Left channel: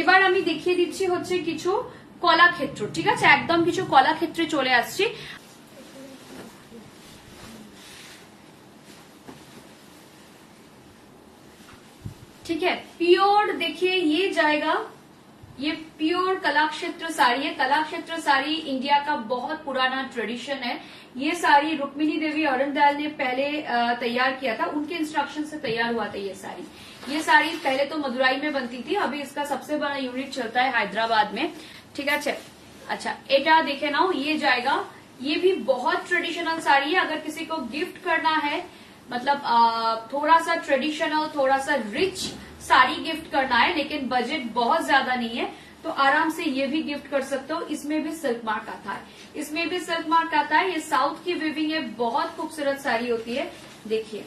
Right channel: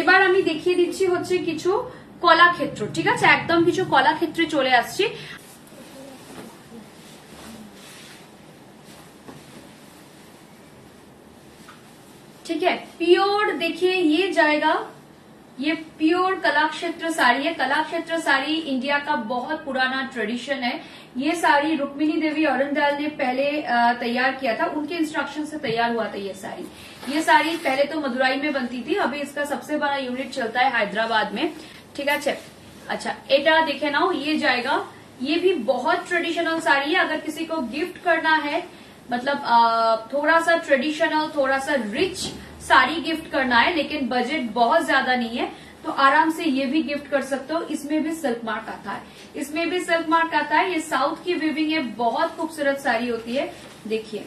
এবার আমি দেখিয়ে দিচ্ছি হচ্ছে কিছু কলাক্ষেত্র, ঠিক আছে, একদম কিছু কলাক্ষেত্রে চলে আসছি। ठीक है, प्योर देखिए ये जाएगा, ये प्योर कलाक्षेत्र साड़ी है। कलाक्षेत्र साड़ी इंडिया का बहुत पुराना ट्रेडिशन है। ये साड़ी रुक्मिणी देवी औरंगजेब ने पहले तैयार किया था, उनके इंस्ट्रक्शन से तैयार हुआ था ये साड़ी। ये साड़ी पहले तो मदुराई में बनती थी, अभी इसका सबसे बड़ा यूनिट चलता है हैदराबाद में, ठीक है। अच्छा एटा देखे ना, ये जाएगा, ये भी बहुत ट्रेडिशनल साड़ी है। अगर किसी को गिफ्ट करना है, मतलब थोड़ा सा ट्रेडिशनल, थोड़ा सा रिच साड़ी गिफ्ट करना है, लेकिन बजट बहुत ज्यादा नहीं है, तो आराम से ये भी गिफ्ट कर सकते हो। इसमें भी सिल्क मार्क आता है, इसमें भी सिल्क मार्क आता है। ये साउथ की वीविंग है, बहुत खूबसूरत साड़ी होती है। देखिए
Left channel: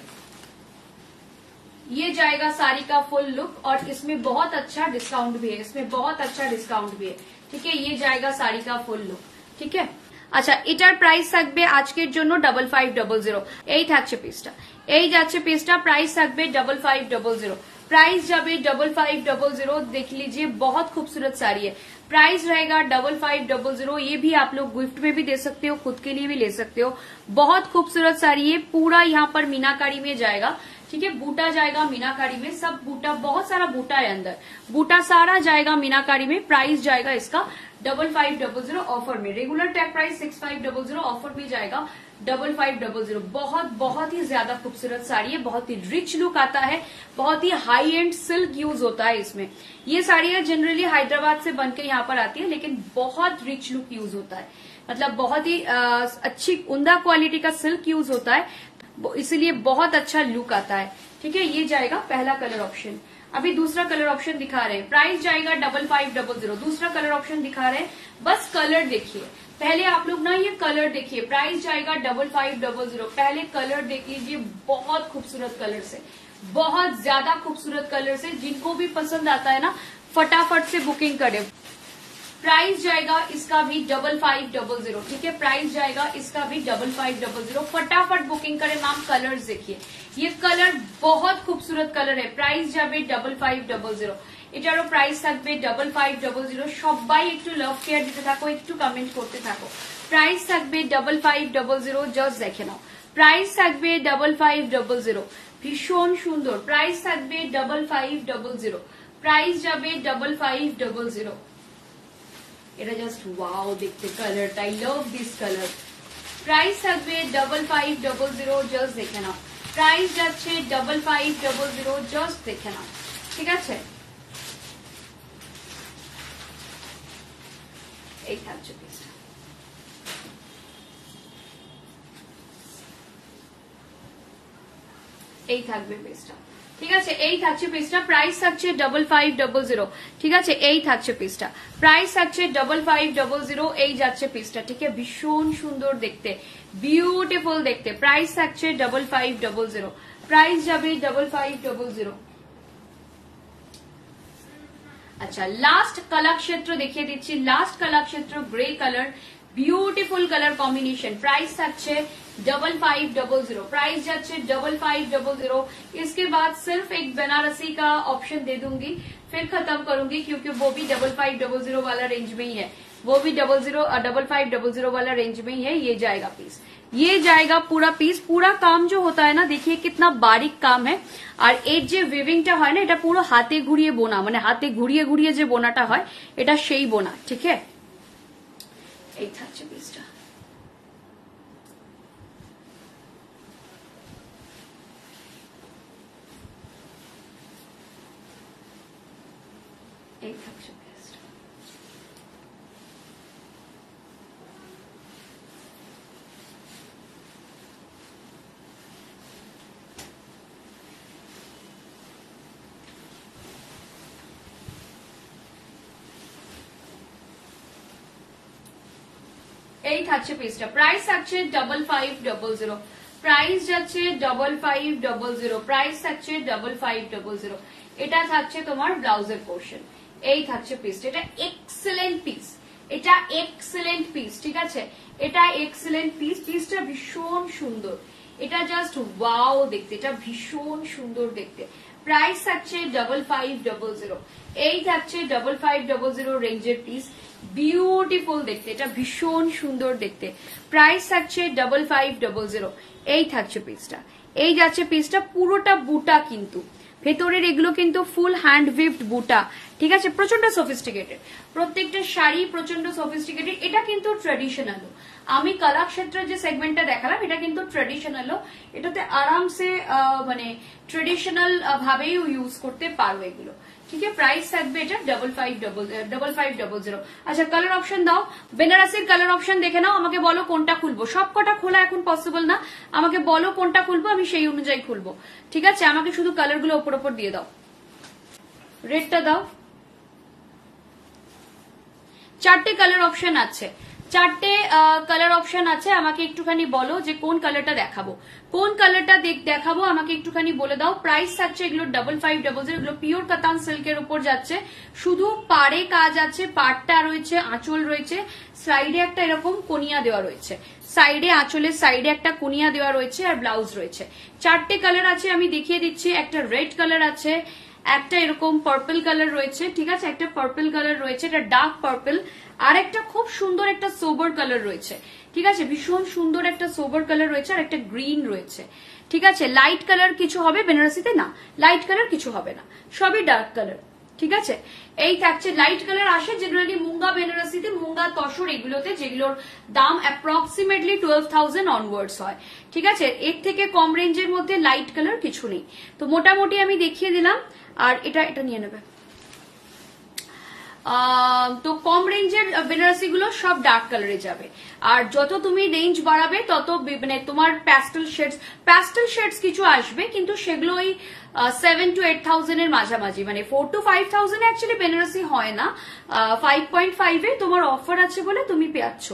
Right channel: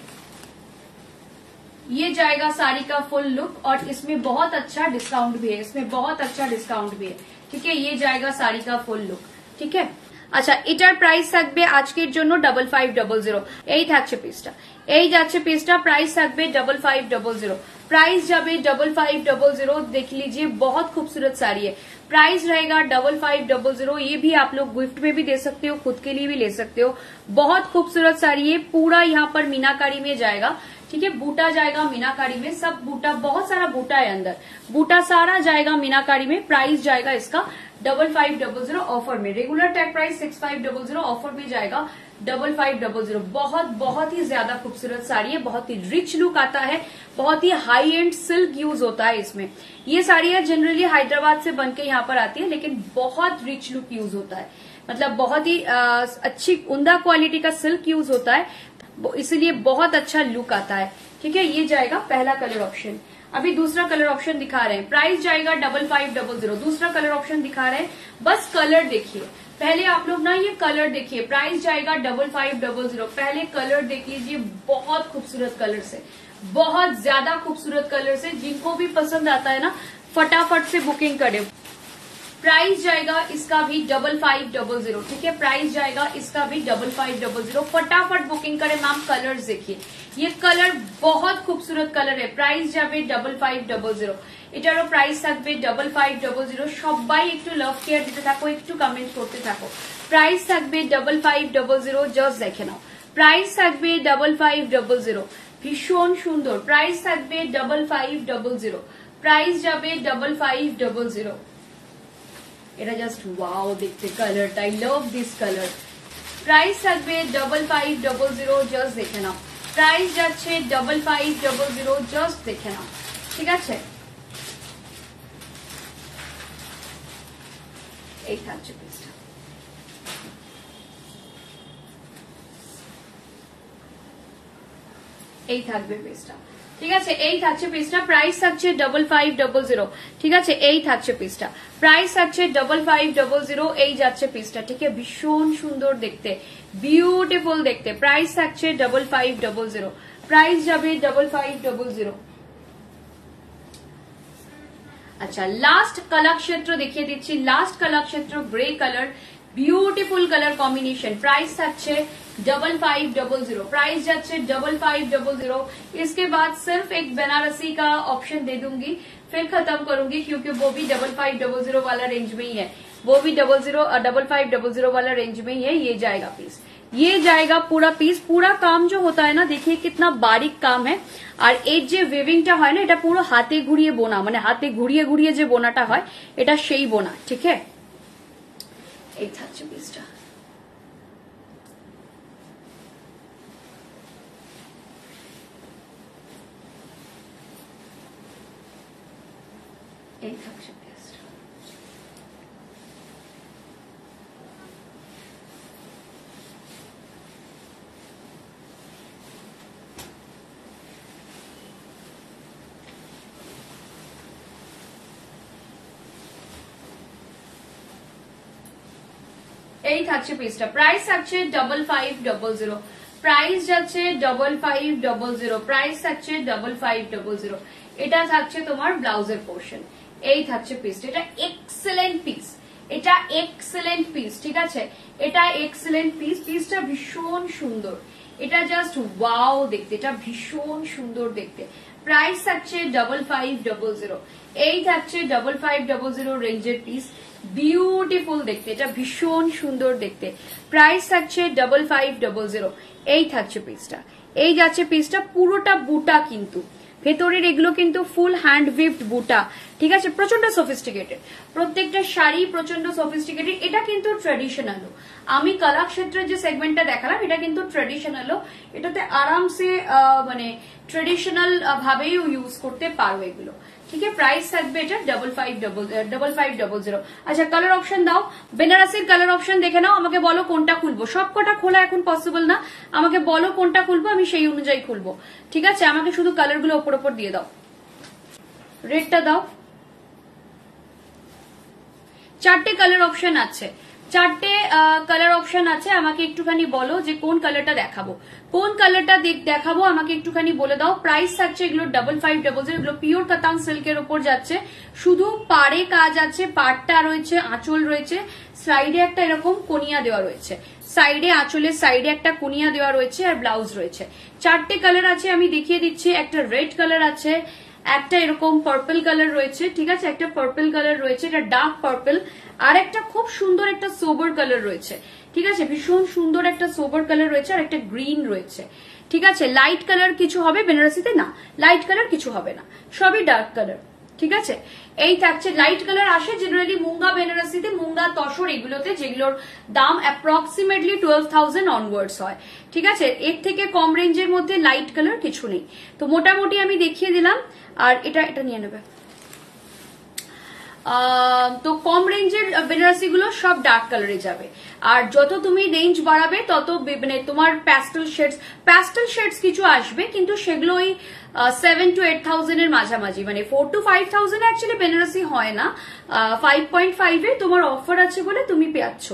ये जाएगा साड़ी का फुल लुक, और इसमें बहुत अच्छा डिस्काउंट भी है, इसमें बहुत अच्छा डिस्काउंट भी है, ठीक है। ये जाएगा साड़ी का फुल लुक, ठीक है। আচ্ছা এটার প্রাইস থাকবে আজকের জন্য 5500, এই থাকছে পিসটা, এই যাচ্ছে পিসটা, প্রাইস থাকবে 5500, प्राइस जाबे 5500। देख लीजिए बहुत खूबसूरत साड़ी है, प्राइस रहेगा 5500। ये भी आप लोग गिफ्ट में भी दे सकते हो, खुद के लिए भी ले सकते हो। बहुत खूबसूरत साड़ी है, पूरा यहाँ पर मीनाकारी में जाएगा, ठीक है। बूटा जाएगा मीनाकारी में, सब बूटा, बहुत सारा बूटा है अंदर, बूटा सारा जाएगा मीनाकारी में। प्राइस जाएगा इसका 5500 ऑफर में, रेगुलर टैग प्राइस 6500, ऑफर में जाएगा 5500। बहुत बहुत ही ज्यादा खूबसूरत साड़ी है, बहुत ही रिच लुक आता है, बहुत ही हाई एंड सिल्क यूज होता है इसमें। ये साड़ियां जनरली हैदराबाद से बनके यहाँ पर आती है, लेकिन बहुत रिच लुक यूज होता है, मतलब बहुत ही अच्छी उम्दा क्वालिटी का सिल्क यूज होता है, इसलिए बहुत अच्छा लुक आता है, ठीक है। ये जाएगा पहला कलर ऑप्शन। अभी दूसरा कलर ऑप्शन दिखा रहे हैं, प्राइस जाएगा 5500। दूसरा कलर ऑप्शन दिखा रहे हैं, बस कलर देखिए पहले आप लोग ना, ये कलर देखिए, प्राइस जाएगा 5500। पहले कलर देख लीजिए, बहुत खूबसूरत कलर से, बहुत ज्यादा खूबसूरत कलर से, जिनको भी पसंद आता है ना फटाफट से बुकिंग करें। प्राइस जाएगा इसका भी 5500, ठीक है। प्राइस जाएगा इसका भी 5500, फटाफट बुकिंग करें। नाम कलर्स देखिए, ये कलर बहुत खूबसूरत कलर है। प्राइस जाबे 5500, এটারও প্রাইস থাকবে 5500। সবাই একটু লাভ কেয়ার দিতে থাকো, একটু কমেন্ট করতে থাকো। প্রাইস থাকবে 5500, জাস্ট দেখে নাও, প্রাইস থাকবে 5500, ভীষণ সুন্দর। প্রাইস থাকবে 5500, প্রাইস যাবে 5500। এটা জাস্ট ওয়াও দেখতে কালারটা, I love this colour. Price থাকবে 5500, জাস্ট দেখে নাও, প্রাইস যাচ্ছে 5500, জাস্ট দেখে নাও, ঠিক আছে। এই থাকছে পিসটা, এই থাকবে পিসটা, ঠিক আছে। এই থাকছে পিসটা, প্রাইস থাকছে 5500, ঠিক আছে। এই থাকছে পিসটা, প্রাইস থাকছে 5500। এই যাচ্ছে পিসটা, ঠিক আছে। ভীষণ সুন্দর দেখতে, বিউটিফুল দেখতে। প্রাইস থাকছে 5500, প্রাইস যাবে 5500। अच्छा लास्ट कलाक्षेत्र देखिए दीजिए, last Kalakshetra grey colour, beautiful colour combination. Price अच्छे 5500, प्राइस अच्छे 5500। इसके बाद सिर्फ एक बनारसी का ऑप्शन दे दूंगी, फिर खत्म करूंगी, क्योंकि वो भी 5500 वाला रेंज में ही है, वो भी 5500 वाला रेंज में ही है। ये जाएगा पीस, ये जाएगा पूरा पीस। पूरा काम जो होता है ना, देखिए कितना बारीक काम है। আর এর যে ওয়েভিংটা হয় না, এটা পুরো হাতে ঘুরিয়ে বোনা, মানে হাতে ঘুরিয়ে ঘুরিয়ে যে বোনাটা হয়, এটা সেই বোনা, ঠিক আছে। এই থাকছে পিসটা, এই থাকছে পিসটা। এই থাকছে পিসটা, প্রাইস থাকছে 5500, প্রাইস যাচ্ছে 5500, প্রাইস থাকছে 5500। এটা থাকছে তোমার ব্লাউজের পোর্শন। এই থাকছে পিসটা, এটা এক্সেলেন্ট পিস, এটা এক্সেলেন্ট পিস, ঠিক আছে। এটা এক্সেলেন্ট পিস, পিসটা ভীষণ সুন্দর, এটা জাস্ট ওয়াও দেখতে, এটা ভীষণ সুন্দর দেখতে। প্রাইস থাকছে 5500। এই থাকছে 5500 রেঞ্জের পিস, বিউটিফুল দেখতে, এটা ভীষণ সুন্দর দেখতে। প্রাইস থাকছে 5500। এই থাকছে পিসটা, এই যাচ্ছে পিসটা, পুরোটা বুটা কিন্তু, ভেতরের এগুলো কিন্তু ফুল হ্যান্ড উইভড বুটা, ঠিক আছে, প্রচন্ড সফিস্টিকেটেড, প্রত্যেকটা শাড়ি প্রচন্ড সফিস্টিকেটেড। এটা কিন্তু ট্রেডিশনাল, আমি কলাক্ষেত্রের যে সেগমেন্টটা দেখালাম এটা কিন্তু ট্রেডিশনাল, এটাতে আরামসে মানে ট্রেডিশনাল ভাবেই ইউজ করতে পারো এগুলো, ঠিক আছে। প্রাইস থাকবে এটা 5500। আচ্ছা কালার অপশন দাও, বেনারসের কালার অপশন দেখে নাও, আমাকে বলো কোনটা খুলবো, সবকটা খোলা এখন পসিবল না, আমাকে বলো কোনটা খুলবো, আমি সেই অনুযায়ী খুলবো, ঠিক আছে। আমাকে শুধু কালার গুলো ওপর ওপর দিয়ে দাও, রেডটা দাও। চারটে কালার অপশন আছে, চারটে কালার অপশন আছে, আমাকে একটুখানি বলো যে কোন কালারটা দেখাবো, কোন কালারটা দেখাবো আমাকে একটুখানি বলে দাও। প্রাইস থাকছে এগুলো 5500, এগুলো পিওর কাতান সিল্কের উপর যাচ্ছে, শুধু পাড়ে কাজ আছে, পাড়টা রয়েছে, আঁচল রয়েছে, সাইডে একটা এরকম কোনিয়া দেওয়া রয়েছে, সাইডে আঁচলের সাইডে একটা কোনিয়া দেওয়া রয়েছে, আর ব্লাউজ রয়েছে। চারটে কালার আছে, আমি দেখিয়ে দিচ্ছি। একটা রেড কালার আছে, একটা এরকম পার্পল কালার রয়েছে, ঠিক আছে, একটা পার্পল কালার রয়েছে, এটা ডার্ক পার্পল, আর একটা খুব সুন্দর একটা সোবার কালার রয়েছে, ঠিক আছে, ভীষণ সুন্দর একটা সোবার কালার রয়েছে, আর একটা গ্রিন রয়েছে, ঠিক আছে। লাইট কালার কিছু হবে বেনারসিতে না, লাইট কালার কিছু হবে না, সবই ডার্ক কালার, ঠিক আছে। এই থাকছে লাইট কালার আসে জেনারেলি মুঙ্গা বেনারসিতে, মুঙ্গা তসর এগুলোতে, যেগুলোর দাম অ্যাপ্রক্সিমেটলি 12,000 অনওয়ার্ডস হয়, ঠিক আছে। এর থেকে কম রেঞ্জের মধ্যে লাইট কালার কিছু নেই, তো মোটামুটি আমি দেখিয়ে দিলাম। আর এটা নিয়ে নেবে, তো কম রেঞ্জের বেনারসি গুলো সব ডার্ক কালারে যাবে, আর যত তুমি রেঞ্জ বাড়াবে তত মানে তোমার প্যাস্টেল শেডস কিছু আসবে, কিন্তু সেগুলো ওই 7 to 8,000 এর মাঝামাঝি, মানে 4 to 5,000 অ্যাকচুয়ালি বেনারসি হয় না, 5.5 এ তোমার অফার আছে বলে তুমি পেয়েছ,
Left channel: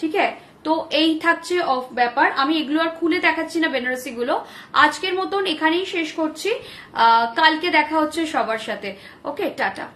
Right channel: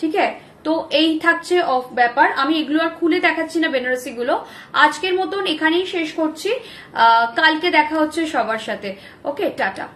ঠিক আছে। তো এই থাকছে অফ ব্যাপার, আমি এগুলো আর খুলে দেখাচ্ছি না বেনারসি গুলো, আজকের মতন এখানেই শেষ করছি, কালকে দেখা হচ্ছে সবার সাথে, ওকে, টাটা।